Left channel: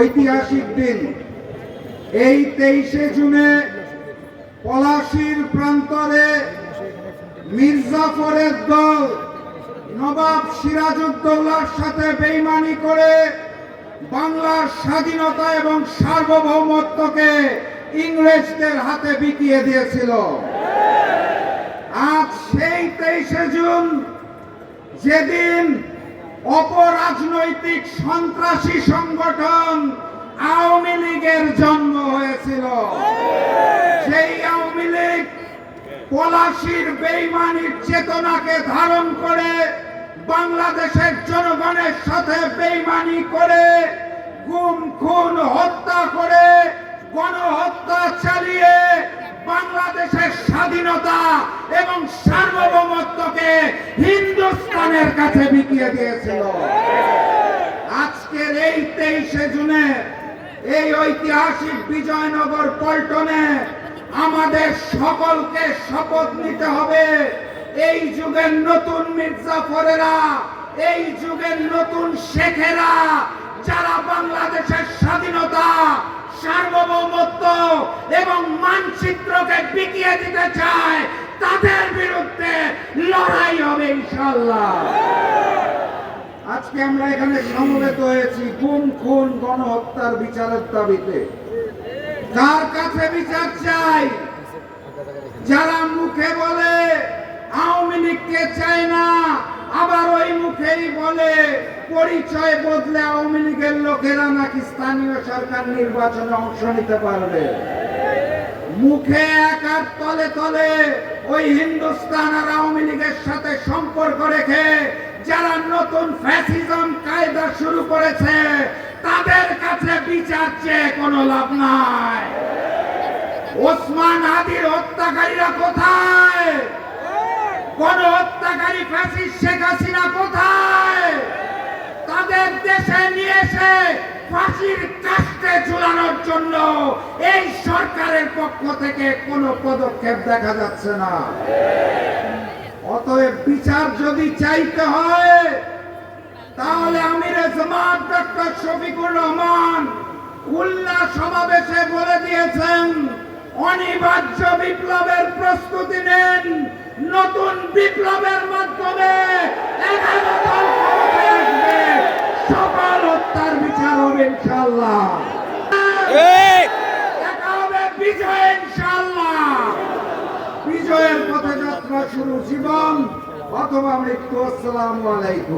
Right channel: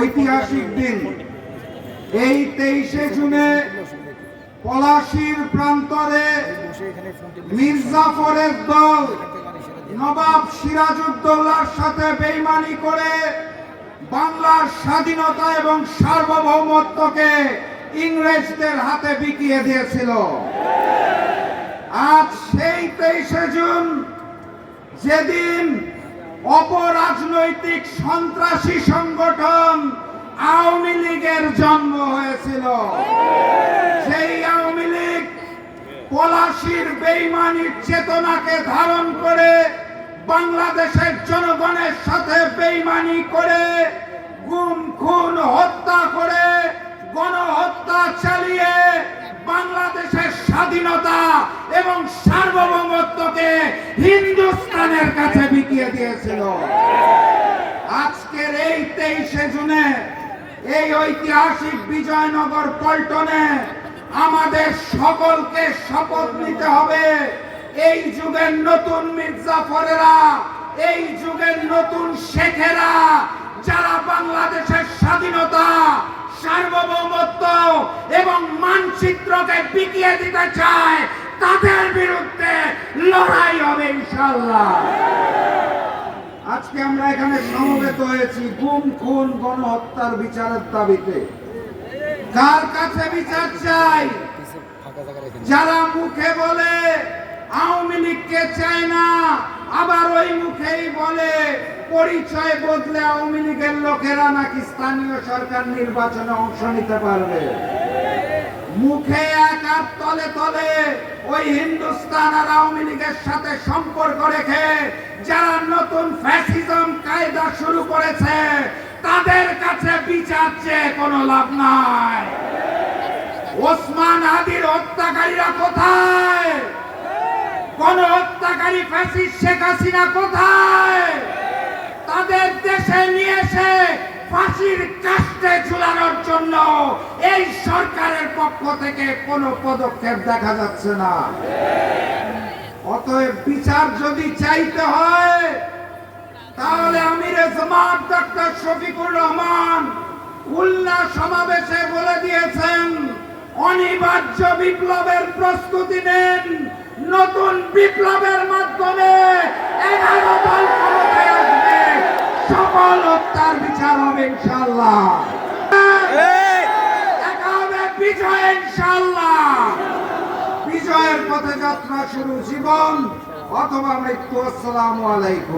ঐতিহাসিক দিন। এই 23শে জুনে পলাশীর প্রান্তরে মির্জাফরের দল নবাব সিরাজউদ্দৌলার সাথে বেইমানি করে বাংলার স্বাধীনতা এবং সার্বভৌমত্বকে ইংরেজদের হাতে বিকিয়ে দিয়েছিল। আজ সেই 23শে জুন, যেদিন অপরাজনৈতিক সন্ত্রাসী সংগঠন আওয়ামী লীগের জন্ম হয়েছিল, সেই আওয়ামী লীগ পলাশীর বেইমানির চেতনাকে ধারণ করে বাংলাদেশের জনগণের সাথে বেইমানি করে গুম খুন হত্যা করে গণহত্যা চালিয়ে বাংলাদেশের স্বাধীনতা এবং সার্বভৌমত্বকে হিন্দুস্তানের কাছে বিকিয়ে দিয়েছিল। আজকের এই 23শে জুনে এই ঐতিহাসিক বিজয়নগর পল্টনে আমাদের সকলকে শপথ নিতে হবে, এই যুগের নতুন মির্জাফরেরা, এই যুগের নতুন শেখেরা, যারা বাংলাদেশের স্বাধীনতা, সার্বভৌমত্ব এবং মানচিত্রকে বিকিয়ে দিতে চায়, তাদের বিরুদ্ধে লড়াই হবে ইনশাআল্লাহ। আজকে আমরা এখানে সমবেত হয়েছি গুম খুন গণহত্যার বিচারের দাবিতে। কার কাছে বিচার চাই? যারা মুখে বলে আওয়ামী লীগকে চায় না, আবার ওই মুখেই বলে পরিচয় বদলে আওয়ামী লীগের লোকেরা নাকি স্থানীয় সরকার নির্বাচনে অংশ নিতে পারবে। মুখে এক আর তলে তলে ওই হিন্দুস্তান আর আওয়ামী লীগের সাথে সম্পর্ক রেখে যারা নতুন ফ্যাসিজম কায়দা শুরু করেছে, তাদের কাছে বিচার চেয়ে কোনো লাভ নাই। ওসমান আদির হত্যাকারীরা কোথায়? গণহত্যাকারী ফ্যাসিস্ট শেখ হাসিনা কোথায়? তাদের দেশে নিয়ে এসে ফাঁসির কাস্টে ঝুলানোর জন্য এই সরকারের পক্ষ থেকে কোনো পদক্ষেপ দেখা যাচ্ছে না। অতএব বিচার যদি চাইতে হয়, তাহলে আমিরে জামাত ডক্টর শফিকুর রহমান খুলনা সমাবেশে বলে দিয়েছেন, অনিবার্য বিপ্লবের প্রস্তুতি নেন। নতুন বিপ্লবের মাধ্যমে 11 দল ক্ষমতায় আসবে, সকল হত্যার বিচার হবে ইনশাআল্লাহ। দেখা হবে বিজয় ইনশাআল্লাহ। বিজয়ের পথে যাত্রা শুরু, জীবন অথবা মৃত্যু। আসসালামু আলাইকুম।